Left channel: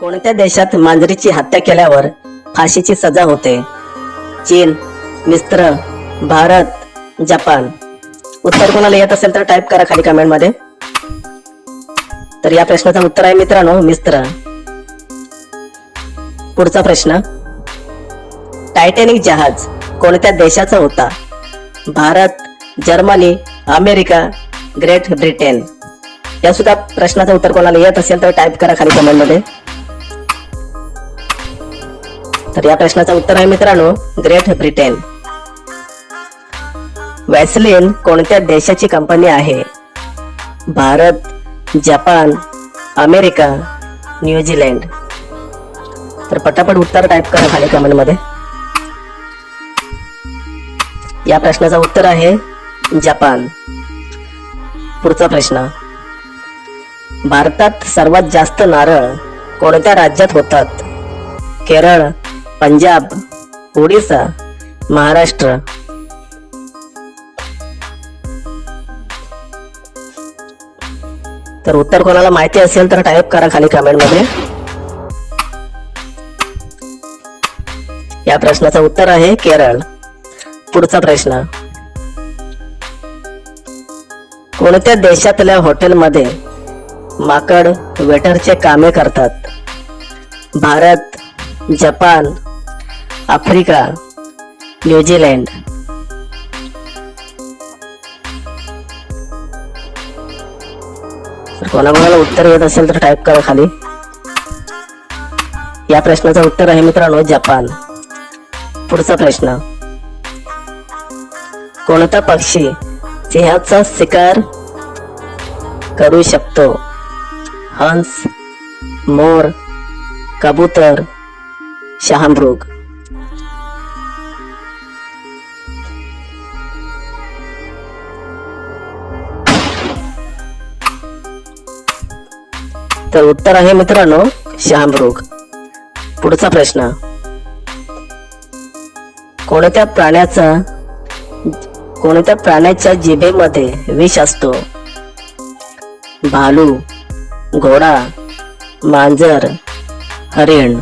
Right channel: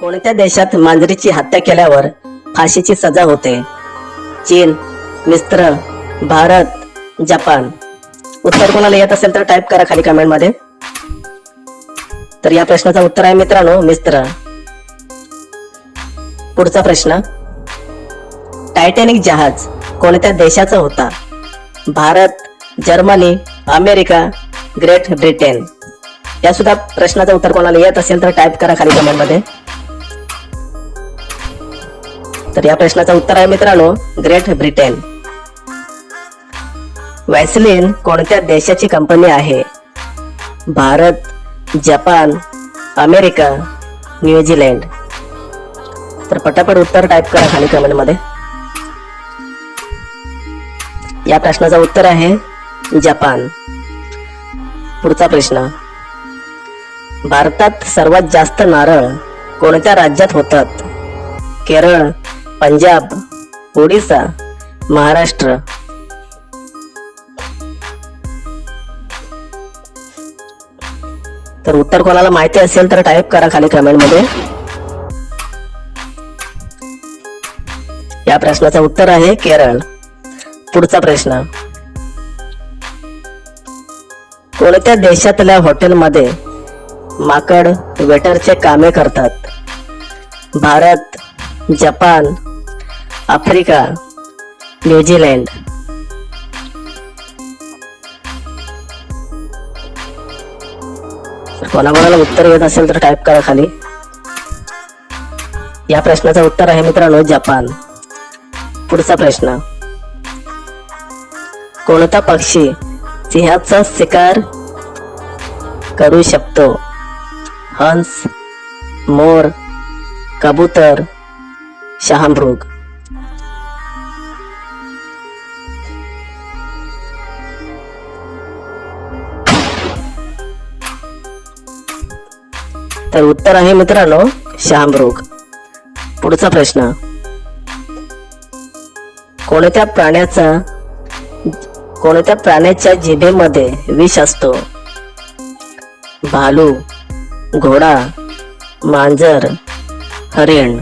कोणत्या देशात मांजरीची हत्या केल्यावर फाशीची सजा होते? चीन, मिस्र, भारत, जपान. उत्तर कोणाला येत असेल तर टाईप करा खाली कमेंट मध्ये. तर या प्रश्नाचं उत्तर आहे मित्रांनो मिस्र. पुढचा प्रश्न, टायटॅनिक जहाज कोणत्या देशाचा होता? Bharat, Germany, America, great Britain. या सुद्धा प्रश्नाचं उत्तर कोणाला येत असेल तर टाईप करा खाली कमेंट मध्ये. तर या प्रश्नाचं उत्तर आहे मित्रांनो ग्रेट ब्रिटन. वॅसलीन कोणत्या देशाची कंपनी आहे? Bharat, Japan, America, New Zealand. तर पटापट उत्तर टाईप करा खाली कमेंट मध्ये. या प्रश्नाचं उत्तर आहे जपान. पुढचा प्रश्न, भारतात सर्वात जास्त नारळ कोणत्या राज्यात होतात? केरळ, पंजाब, ओडिसा, महाराष्ट्र. तर उत्तर कोणाला माहिती असेल तर टाईप करा खाली कमेंट मध्ये. या प्रश्नाचं उत्तर आहे केरळ. पुढचा प्रश्न, कोणत्या देशातल्या हॉटेलमध्ये माकड वेटरचे कामे करतात? Bharat, Japan, Africa, New Zealand. तर कोणाकोणाला उत्तर येत असेल तर टाईप करा खाली. या प्रश्नाचं उत्तर आहे मित्रांनो जपान. पुढचा प्रश्न, कोणता पक्षी सिंहाचा शिकार करू शकतो? हंस, मोर, कबूतर, शहामृग. तर उत्तर आहे मित्रांनो शहामृग. पुढचा प्रश्न, कोणत्या प्राण्याच्या जिभेमध्ये विष असतो? भालू, घोडा, मांजर, हरिण.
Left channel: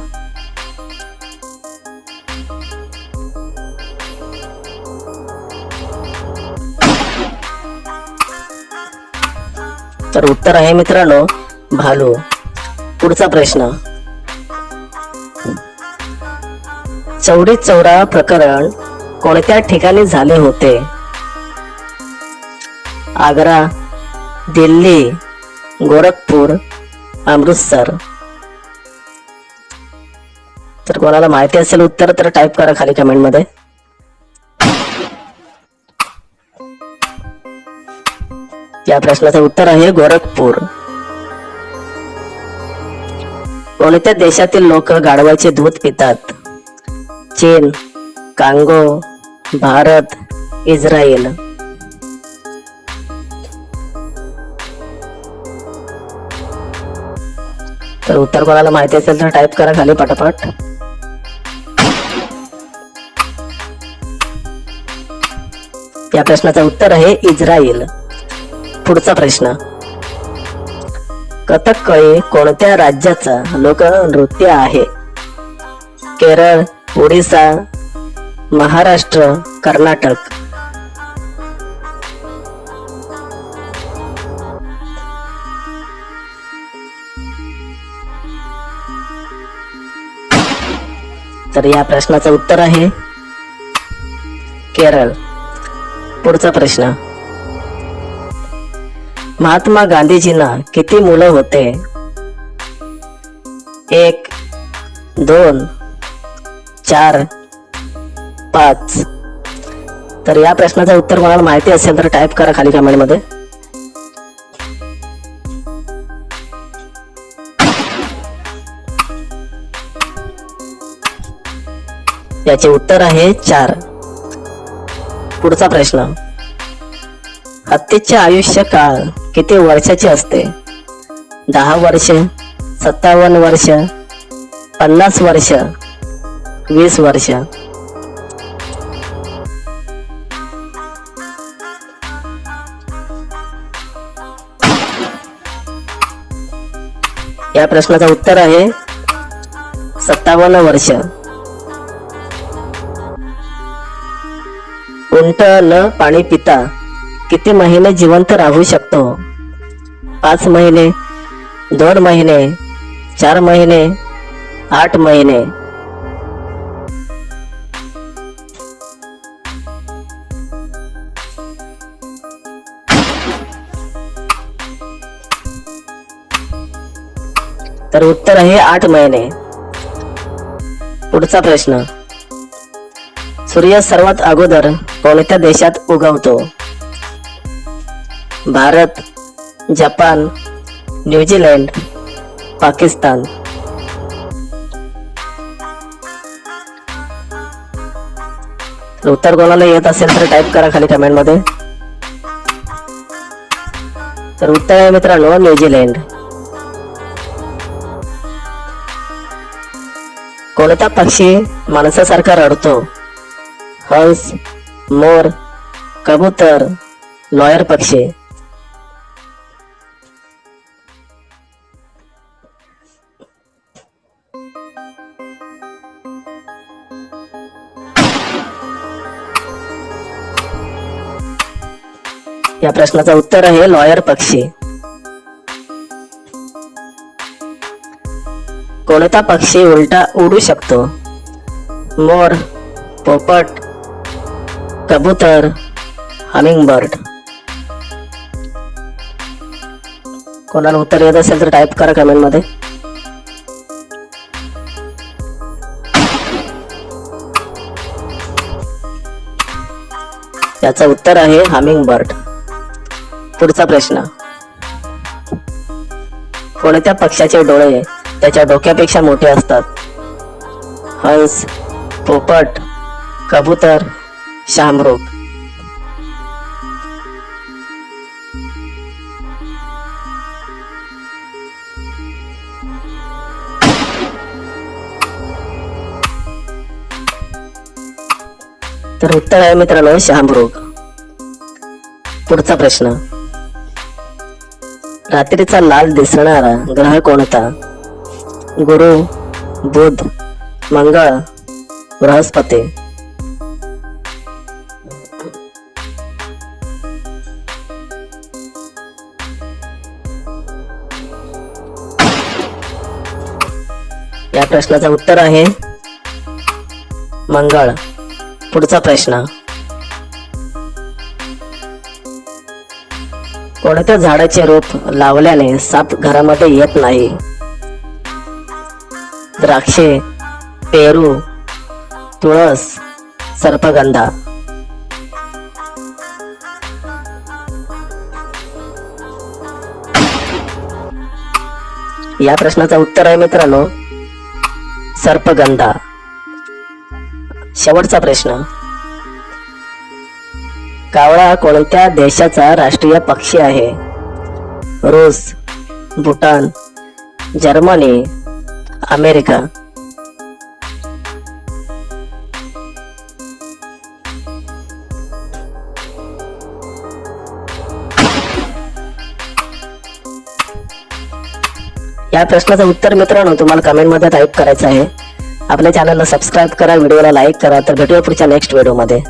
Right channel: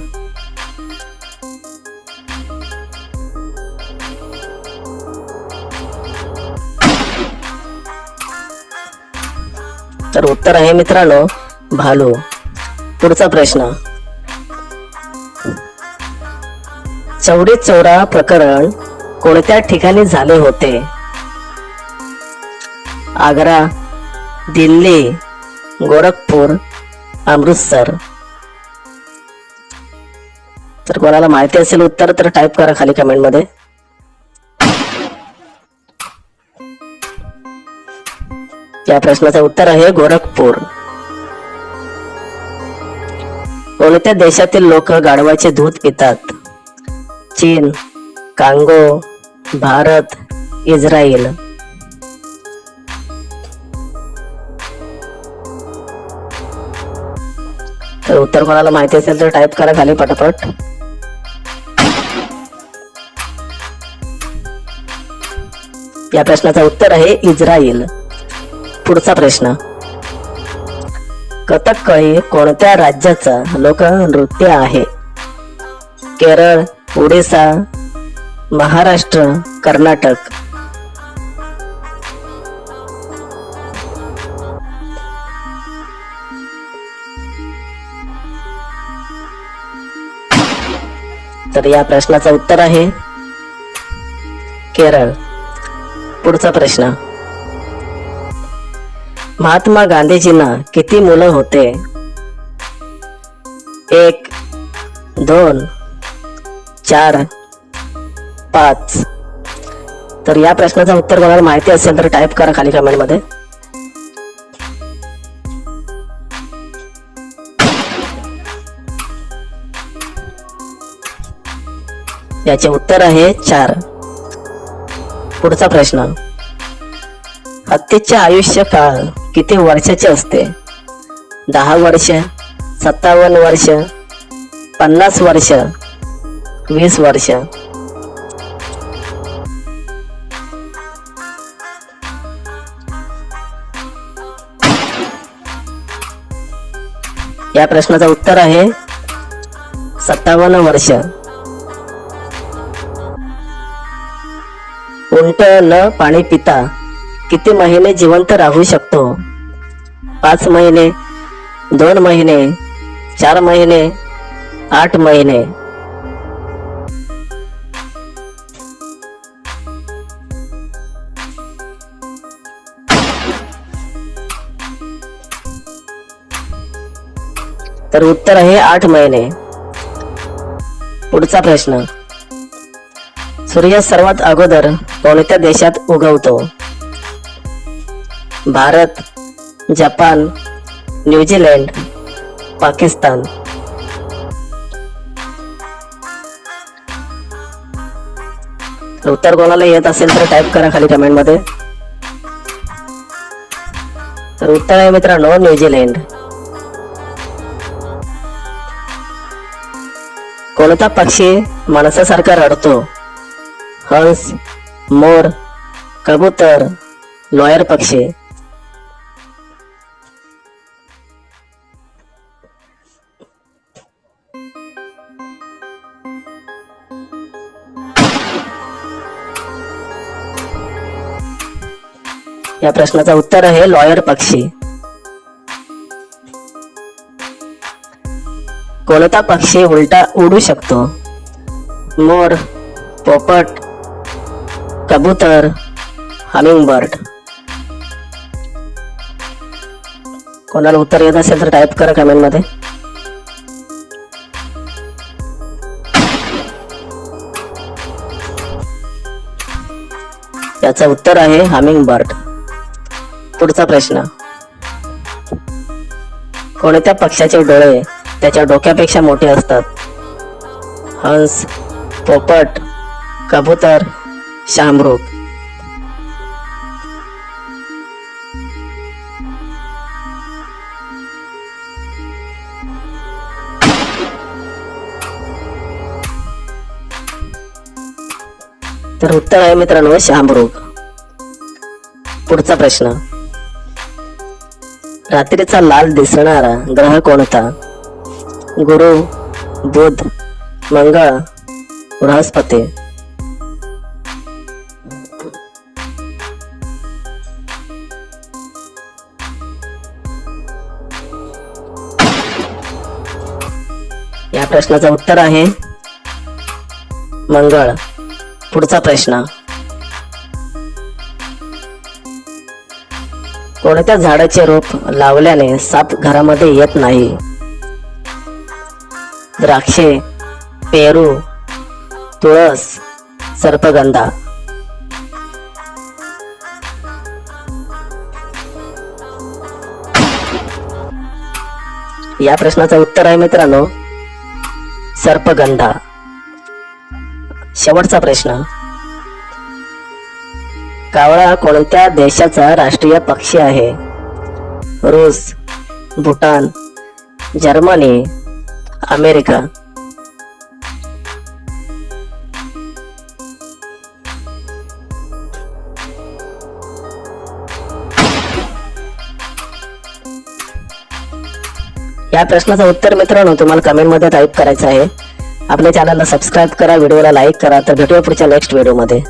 तर उत्तर आहे मित्रांनो भालू. पुढचा प्रश्न, चौरी चौरा प्रकरण कोणत्या ठिकाणी झाले होते? आग्रा, दिल्ली, गोरखपूर, अमृतसर. तर कोणाला माहिती असेल उत्तर तर टाईप करा खाली कमेंट मध्ये. या प्रश्नाचं उत्तर आहे गोरखपूर. कोणत्या देशातील लोक गाढवाचे दूध पितात? चीन, कांगो, भारत, इस्रायल. तर उत्तर कोणाला माहिती असेल तर टाईप करा खाली पटापट. या प्रश्नाचं उत्तर आहे इस्रायल. पुढचा प्रश्न, कथकली कोणत्या राज्याचा लोकनृत्य आहे? केरळ, ओडिसा, महाराष्ट्र, कर्नाटक. तर या प्रश्नाचं उत्तर आहे केरळ. पुढचा प्रश्न, महात्मा गांधीजींना किती मुलं होते? 1, 2, 4, 5. तर या प्रश्नाचं उत्तर कोणाला माहिती असेल तर टाईप करा खाली कमेंट मध्ये. याचे उत्तर आहे 4. पुढचा प्रश्न, हत्तीचे आयुष्य काळ किती वर्षाचे असते? 10 वर्ष, 57 वर्ष, 50 वर्ष, 20 वर्ष. या प्रश्नाचं उत्तर आहे 57 वर्ष. उंट न पाणी पिता किती महिने जिवंत राहू शकतो? 5 महिने, 2 महिने, 4 महिने, 8 महिने. तर उत्तर आहे 8 महिने. पुढचा प्रश्न. सूर्य सर्वात अगोदर कोणत्या देशात उगवतो? Bharat, Japan, New Zealand, Pakistan. उत्तर कोणाला येत असेल तर टाईप करा खाली कमेंट मध्ये. तर उत्तर आहे मित्रांनो न्यूझीलंड. कोणता पक्षी माणसासारखा रडतो? हंस, मोर, कबूतर, लॉयर पक्षी. या प्रश्नाचं उत्तर आहे लॉयर पक्षी. कोणता पक्षी उलटा उडू शकतो? मोर, पोपट, कबूतर, हमिंगबर्ड. कोणाला उत्तर येत असेल तर टाईप करा कमेंट मध्ये. त्याचं उत्तर आहे हमिंगबर्ड. पुढचा प्रश्न. कोणत्या पक्ष्याचे डोळे त्याच्या डोक्यापेक्षा मोठे असतात? हंस, पोपट, कबूतर, शाहमृग. तर उत्तर आहे मित्रांनो शाहमृग. पुढचा प्रश्न. रात्रीचा लाल दिसणारा ग्रह कोणता? गुरु, बुध, मंगळ, बृहस्पती. या प्रश्नाचं उत्तर आहे मंगळ. पुढचा प्रश्न. कोणत्या झाडाचे रोप लावल्याने साप घरामध्ये येत नाही? द्राक्षे, पेरू, तुळस, सर्पगंधा. या प्रश्नाचं उत्तर आहे मित्रांनो सर्पगंधा. शेवटचा प्रश्न. कावळा कोणत्या देशाचा राष्ट्रीय पक्षी आहे? रूस, भूटान, जर्मनी, अमेरिका. या प्रश्नाचं उत्तर मित्रांनो तुम्हाला कमेंट मध्ये टाईप करायचं आहे. आपल्या चॅनलला सबस्क्राईब करा, व्हिडिओला लाईक करा. तर भेटूया पुढच्या नेक्स्ट व्हिडिओ मध्ये.